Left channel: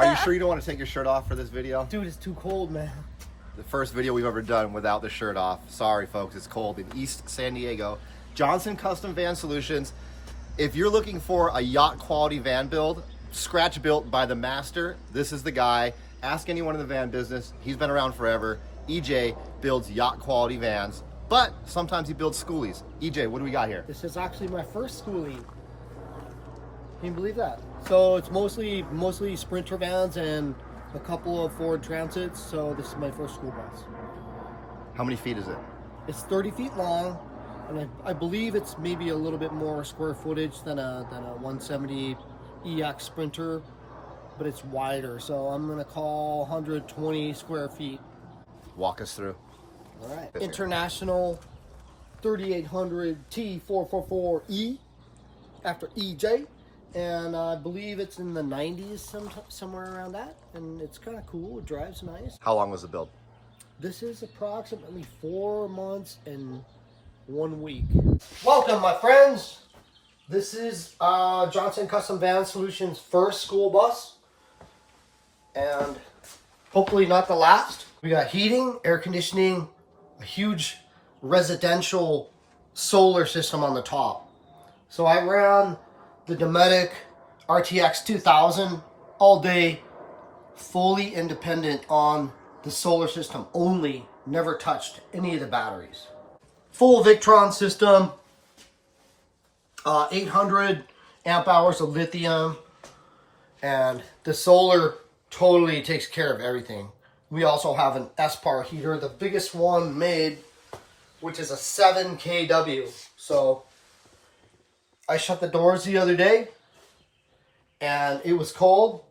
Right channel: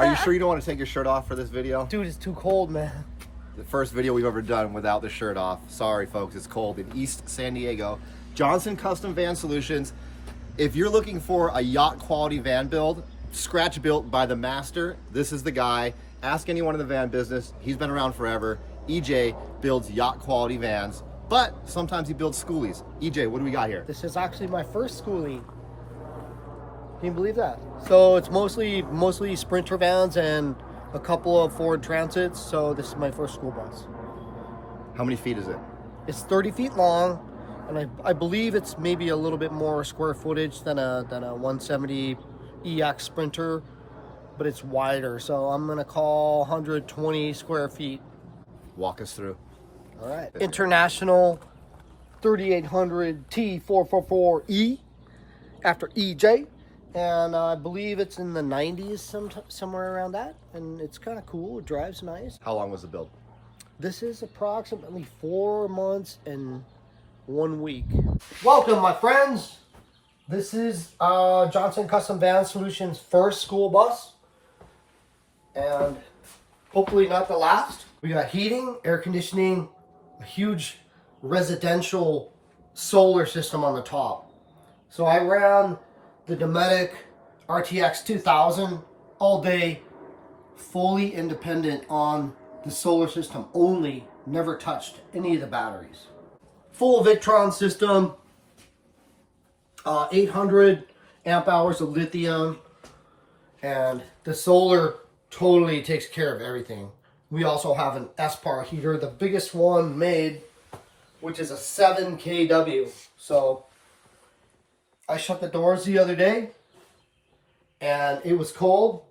Are you sure you don't want to take your shirt off for this video? Dude, it's too cold, man. The first video we've ever done without the shirt off. Sorry, folks, it's cold in East San Diego. Johnson Custom Van Solutions. If you're looking for a yacht quality van build, scratch built by the master, this is the guy. Ask anyone in the van business. He's been around forever. EJ builds yacht quality vans, but sometimes he builds Skoolies. EJ, what do we got here? This is actually my first Skoolie. Can you believe that? So it's mostly Sprinter vans and a couple of Ford Transits. So this is my first school bus. How many feet is it? It's 30 feet long, and I believe it's maybe a little bit more square footage than a 170 EX Sprinter, but it's wider. So I'm gonna call 120 square feet. Walk us through. All right. International 3800 T444E after EJ. And I believe it's in the 90s, somewhere around that. And it's kind of cool. It drives nice. How long was the build? This is approximately 4 months and 1 week. Welcome, my friends. This is Johnson Custom Van Solutions' first school bus. And hopefully not the last. We got heating, air conditioning, a huge residential solar system on the top. So I ran the Dometic RTX 2000 all day, fully independent on the solar system only, never touched any of the batteries. Full Victron system, 800 amp hours of lithium, and the solar totally takes care of everything. We also have an S-Par heater, the biggest one made, which is a 7 kW. So I shut the doors the other day and it was cold.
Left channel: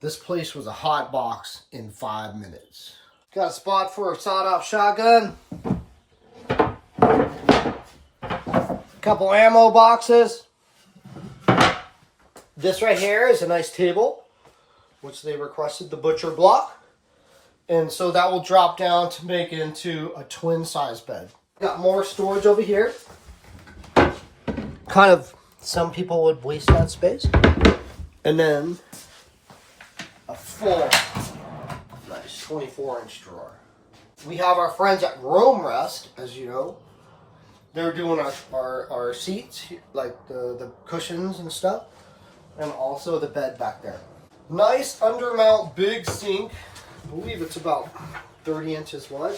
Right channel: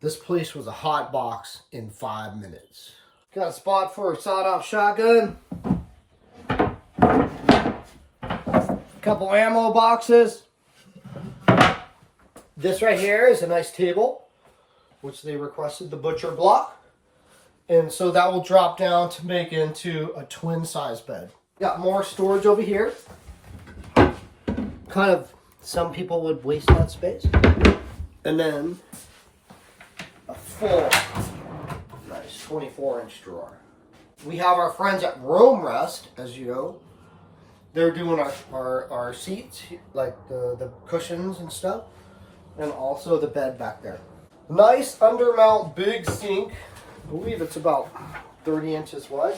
This place was a hot box in 5 minutes. Got a spot for a sawed-off shotgun. Couple ammo boxes. This right here is a nice table, which they requested the butcher block. And so that will drop down to make into a twin size bed. Got more storage over here. Kind of, some people would waste that space. And then a full, nice 24-inch drawer. We have our friends at Rome Rest, as you know. They're doing our seats, like the cushions and stuff. And also the bed back there. Nice undermount big sink. I believe it's about 30 inches wide.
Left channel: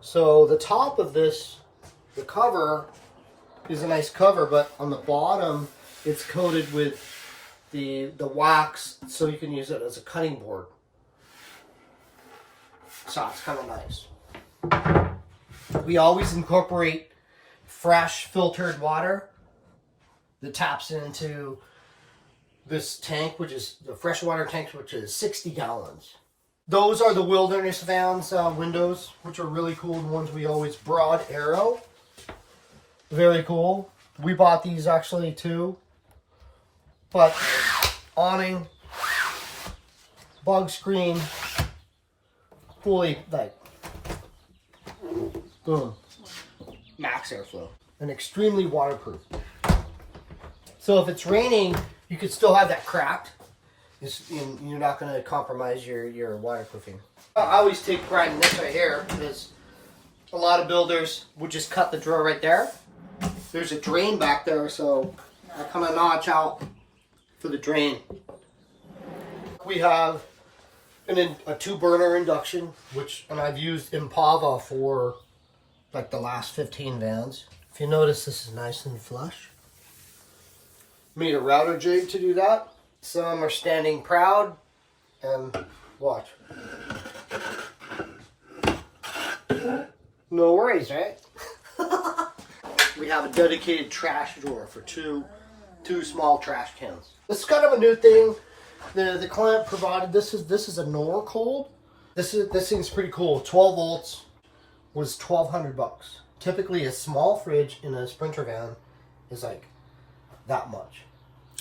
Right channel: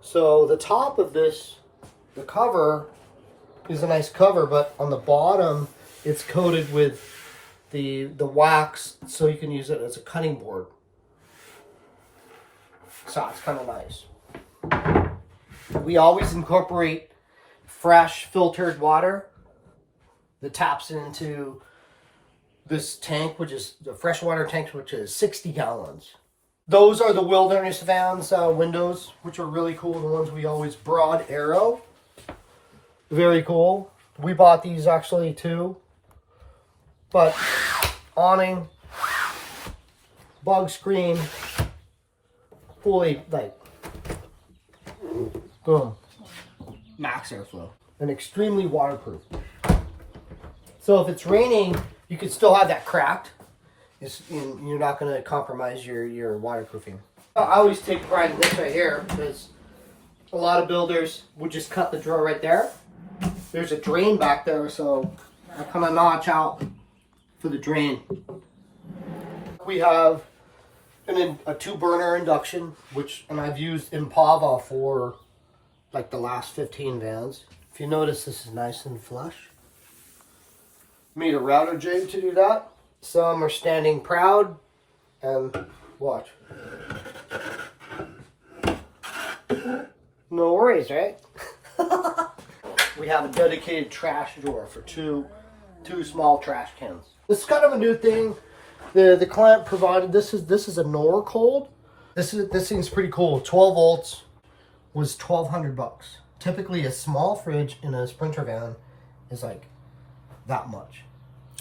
So the top of this, the cover, is a nice cover, but on the bottom it's coated with the wax, so you can use it as a cutting board. So it's kind of nice. We always incorporate fresh filtered water that taps into this tank, which is the freshwater tank, which is 60 gallons. Those are the Wilderness Vans windows, which are really cool. The ones we always broad arrow. Very cool. We bought these actually too. But awning, bug screen, fully like, boom, max airflow, and extremely waterproof. So if it's raining, you could still have that cracked. You're not going to compromise your waterproofing. I always take pride in this right here because a lot of builders would just cut the drawer right there. There's a drain back there, so I kind of notch out for the drain. We have a 2-burner induction, and I've used Impava for like the last 15 vans. If you notice, this is nice and flush. Made a router jig to do that. Some are standing proud, and watch. No worries, right? We have a dedicated trash drawer for two small trash cans. This is kind of a new thing. The client provided this is a Norcold. This thing's pretty cool. 12 volts was $1,200. Typically, a small fridge in a Sprinter van is like that much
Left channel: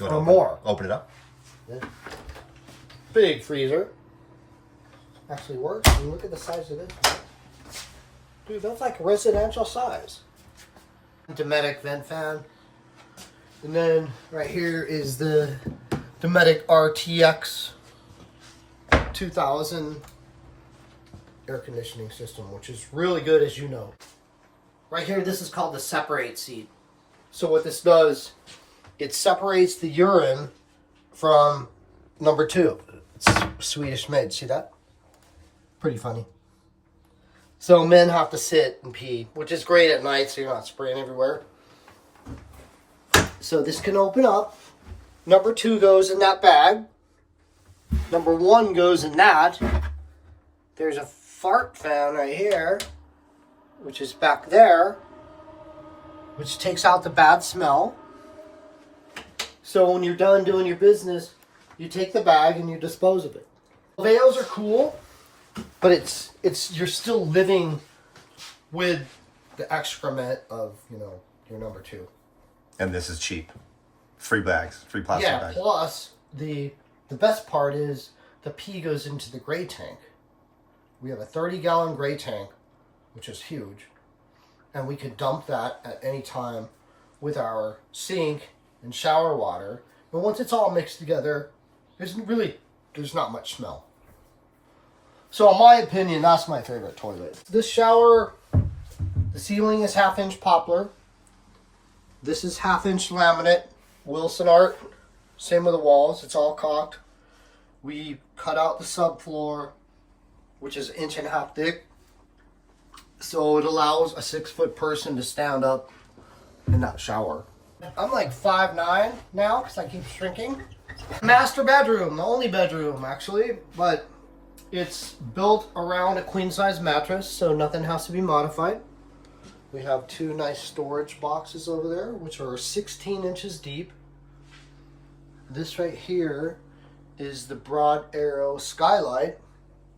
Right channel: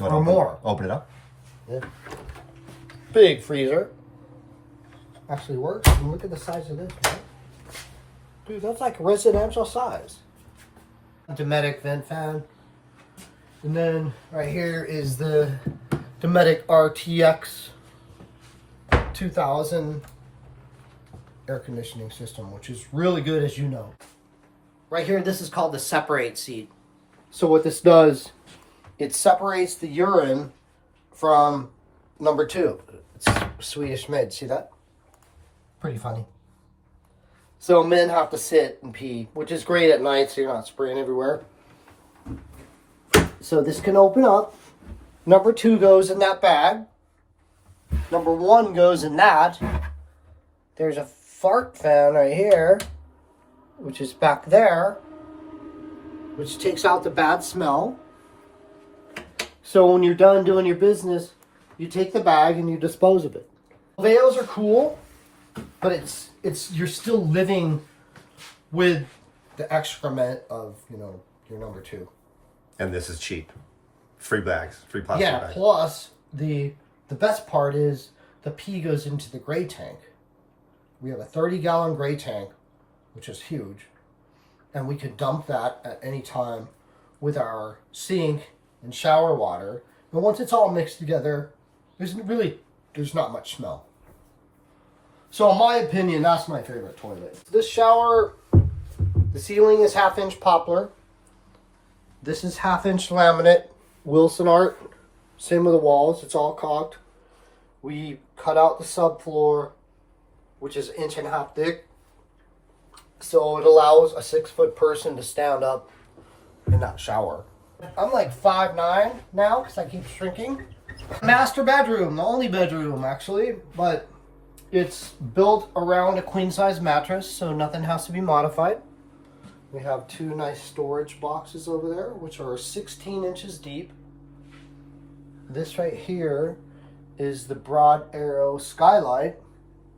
or more. Open it up. Yeah. Big freezer. Actually works. And look at the size of this. Right? Dude, that's like residential size. Dometic vent fan. And then right here is the Dometic RTX 2000 air conditioning system, which is really good, as you know. Right here, this is called the separate seat. So what this does, it separates the urine from number 2. It's Swedish made, see that? Pretty funny. So men have to sit and pee, which is great at night so you're not spraying everywhere. So this can open up. Number 2 goes in that bag. Number 1 goes in that. There's a fart fan right here, which is back there, which takes out the bad smell. So when you're done doing your business, you take the bag and you dispose of it. Veils are cool, but it's you're still living with the excrement of, you know, your number 2. And this is cheap. Free bags, free plastic bags. Yeah, plus the best part is the pee goes into the gray tank. We have a 30-gallon gray tank, which is huge, and we could dump that at any time with our sink and shower water. But once it's all mixed together, there's not much smell. So in my opinion, that's my favorite toilet. This shower, the ceiling is 1/2-inch poplar. This is 1/2-inch laminate, Wilson art. Same with the walls, it's all caulked. We cut out the subfloor, which is 1.5 inches thick. So it allows a 6-foot person to stand up in that shower. I'm like 5'9" now because I keep shrinking. Master bedroom, the only bedroom actually, but it's built around a queen-size mattress, so nothing has to be modified. We have 2 nice storage boxes over there, which are 16 inches deep. This right here is the Broad Arrow skylight,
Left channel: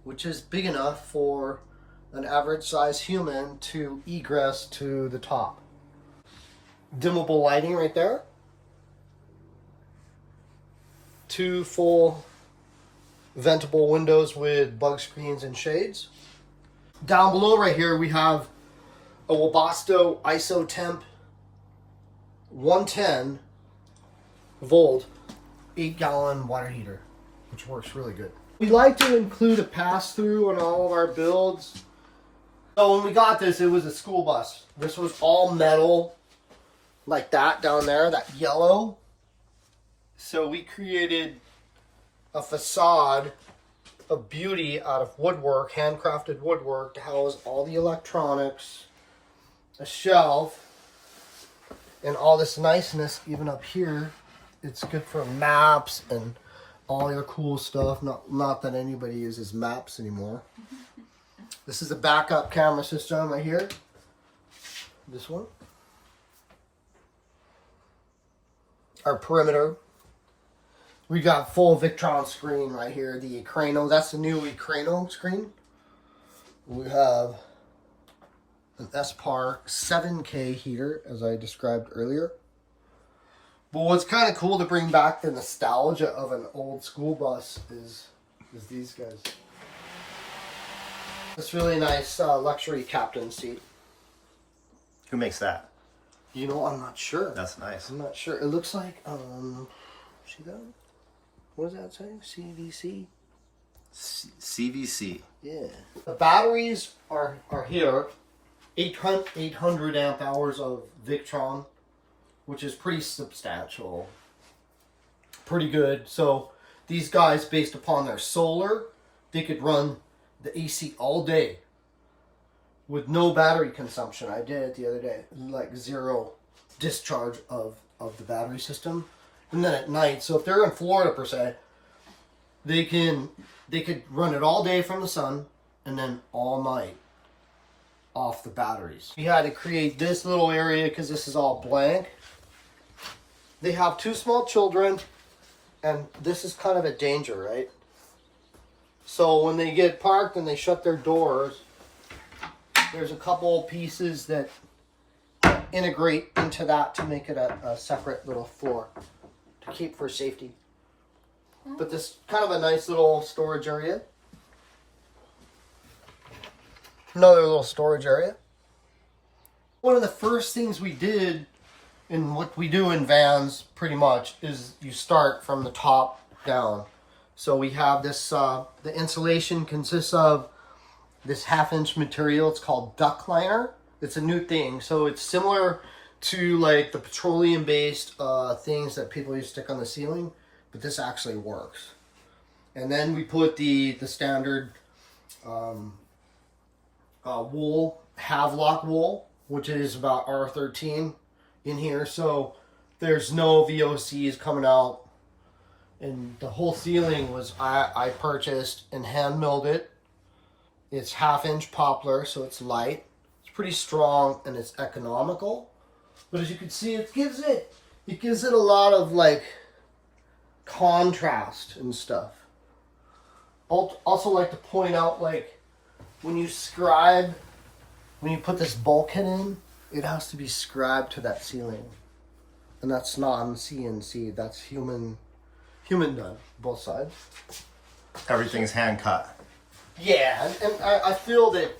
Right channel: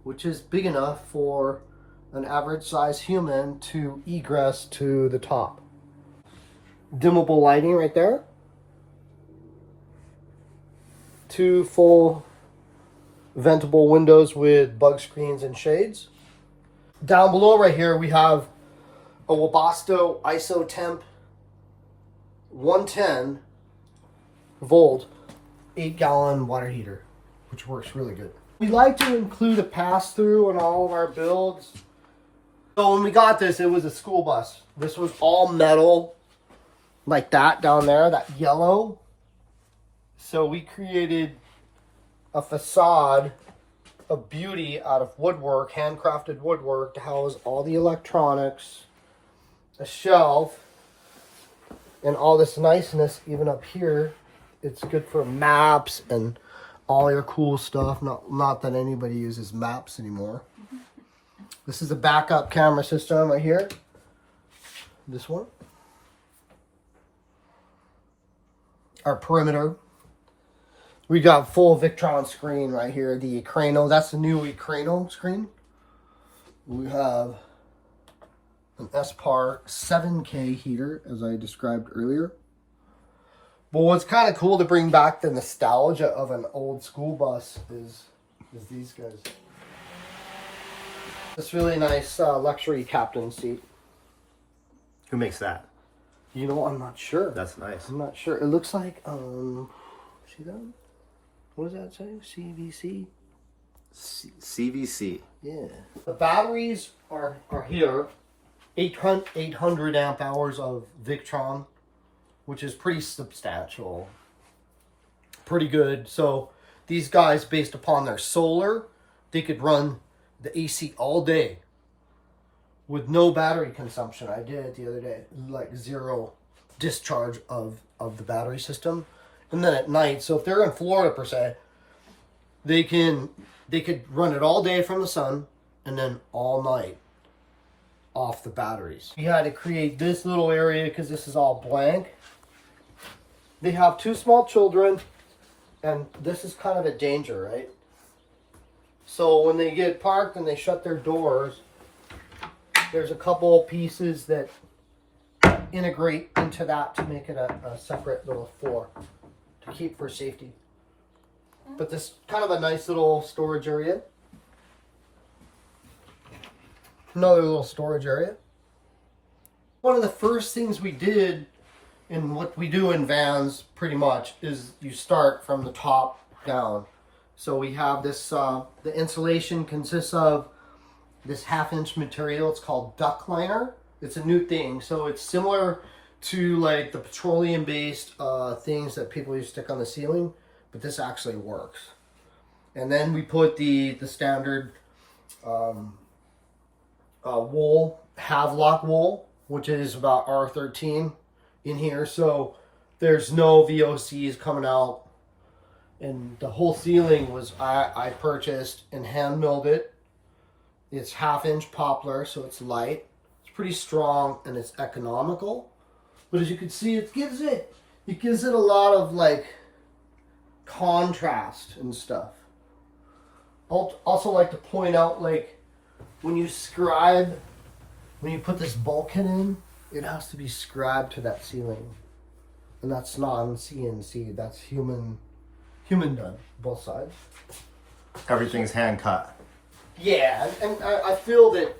which is big enough for an average size human to egress to the top. Dimmable lighting right there. 2 full ventable windows with bug screens and shades. Down below right here we have a Webasto IsoTemp 110 volt 8-gallon water heater, which works really good. We like to include a pass-through on all of our builds. So when we got this, it was a school bus. This was all metal, like that down there, that yellow. So we created a facade of beauty out of woodwork, handcrafted woodwork, to house all the electronics, a shelf, and all this niceness even up here. It's good for maps and all your cool stuff. Not that anybody uses maps anymore. This is a backup camera system right here. This one. Our perimeter. We got full Victron screen right here. The Ekrano, that's the new Ekrano screen. We have an SPAR 7K heater, as I described earlier. But what's kind of cool to bring back the nostalgia of an old school bus is these guys. This really nice luxury captain seat. Who makes that? You know, I'm not sure. That's nice. I'm not sure. It looks like, see that? What does that say? CVC? CVC. Yeah. The batteries are here. 800 amp hours of Victron, which is pretty substantial. Pretty good. So these guys, based upon their solar, they could run the AC all day with no battery consumption. I did it the other day. Like 0 discharge of the battery system. And then at night, so if they're in Florida per se, they could run it all day from the sun and then all night off the batteries. We had to create this little area because this is all blank. They have 2 small children, and this is kind of a danger, right? So when they get parked and they shut their doors, there's a couple pieces that integrate into that to make it a separate little floor to keep for safety. But this kind of a nice little storage area. Another little storage area. One of the first things we did, and what we do in vans pretty much, is you start from the top down. So we have this, the insulation consists of this 1/2-inch material. It's called duct liner. It's a new thing. So it's similar to like the petroleum-based things that people used to stick on the ceiling, but this actually works. And then we put the standard wool, Havelock wool, which is about R13 in here. So there's no VOCs coming out. And the whole ceiling was I purchased and hand milled it. It's 1/2-inch poplar, so it's light. It's pretty strong and it's economical. But as you can see, it gives it a lot of like contrast and stuff. I'll also like to point out, like, when you put this bulkhead in, it has to be scribed to that ceiling. And that's not on CNC, that's human done, both sides. Everything's hand cut. Yeah, and I feel that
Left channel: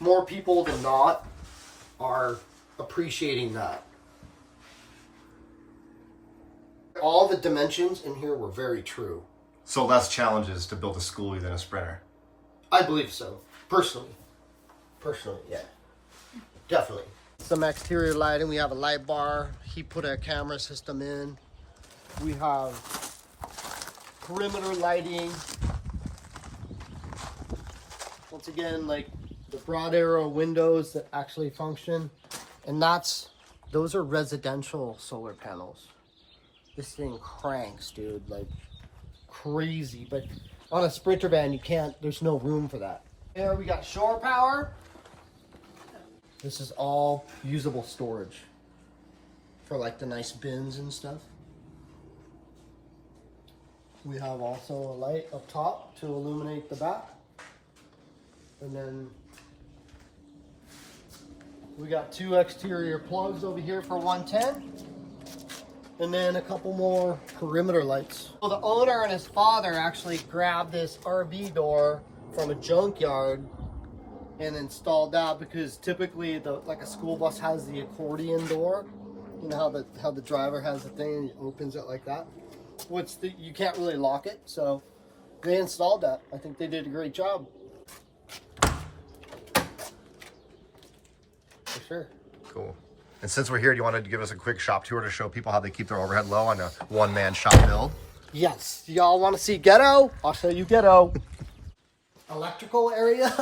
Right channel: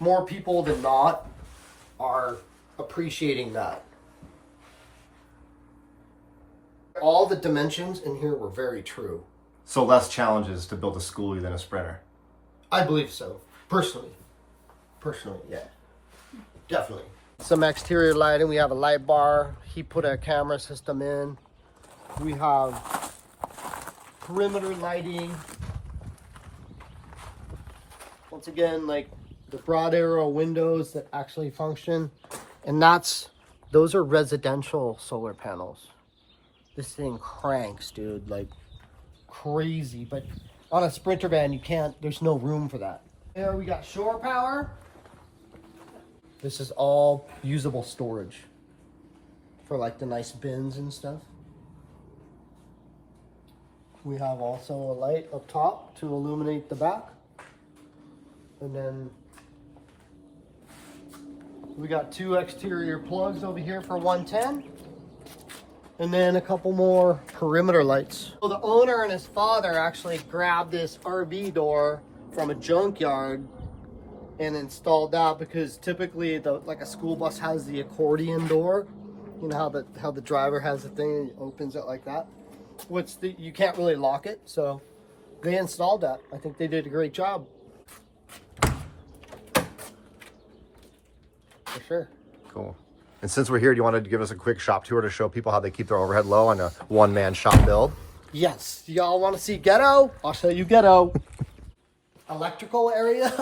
more people than not are appreciating that. All the dimensions in here were very true. So less challenges to build a Skoolie than a Sprinter. I believe so, personally, yeah, definitely. Some exterior lighting. We have a light bar. He put a camera system in. We have perimeter lighting. Once again, like the broad arrow windows that actually function, and those are residential solar panels. This thing cranks, dude, like crazy. But on a Sprinter van, there's no room for that. Here we got shore power. This is all usable storage for like the nice bins and stuff. We have also a light up top to illuminate the back. And then we got 2 exterior plugs over here for 110. And then a couple more perimeter lights. So the owner and his father actually grabbed this RV door from a junkyard and installed that, because typically like a school bus has the accordion door. You know how the driver has the thing and opens it like that. You can't really lock it, so they installed that. I think they did a great job. For sure. Cool. And since we're here, do you want to give us a quick shop tour to show people how they keep their overhead low on a one-man shop build? Yes. Y'all want to see ghetto? I'll show you ghetto. Electrical area.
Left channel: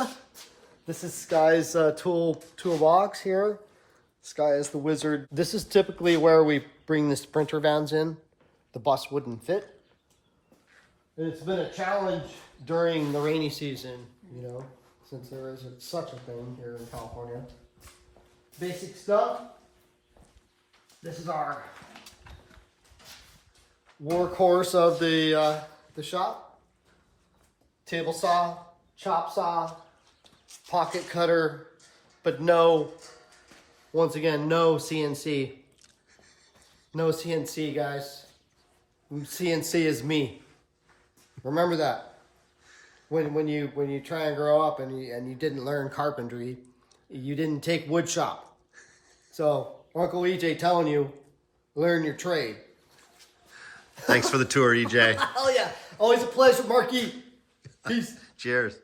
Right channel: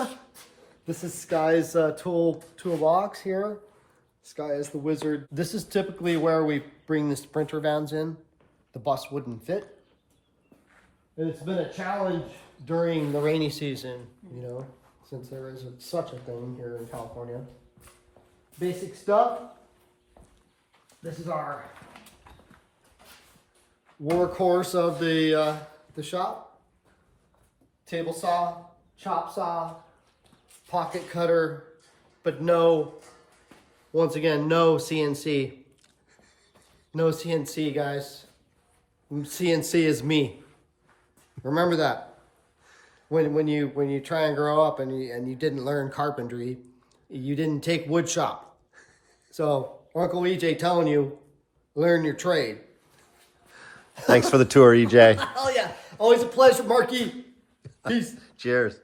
This is Sky's toolbox here. Sky is the wizard. This is typically where we bring the Sprinter vans in. The bus wouldn't fit. And it's been a challenge during the rainy season, you know, since there is such a thing here in California. Basic stuff. This is our workhorse of the shop. Table saw, chop saw, pocket cutter, but once again, no CNC. No CNC, guys. CNC is me. Remember that. When you try and grow up and you didn't learn carpentry, you didn't take wood shop. So Uncle EJ telling you, learn your trade. Thanks for the tour, EJ. Hell yeah. Always a pleasure, Marky. Peace. Cheers.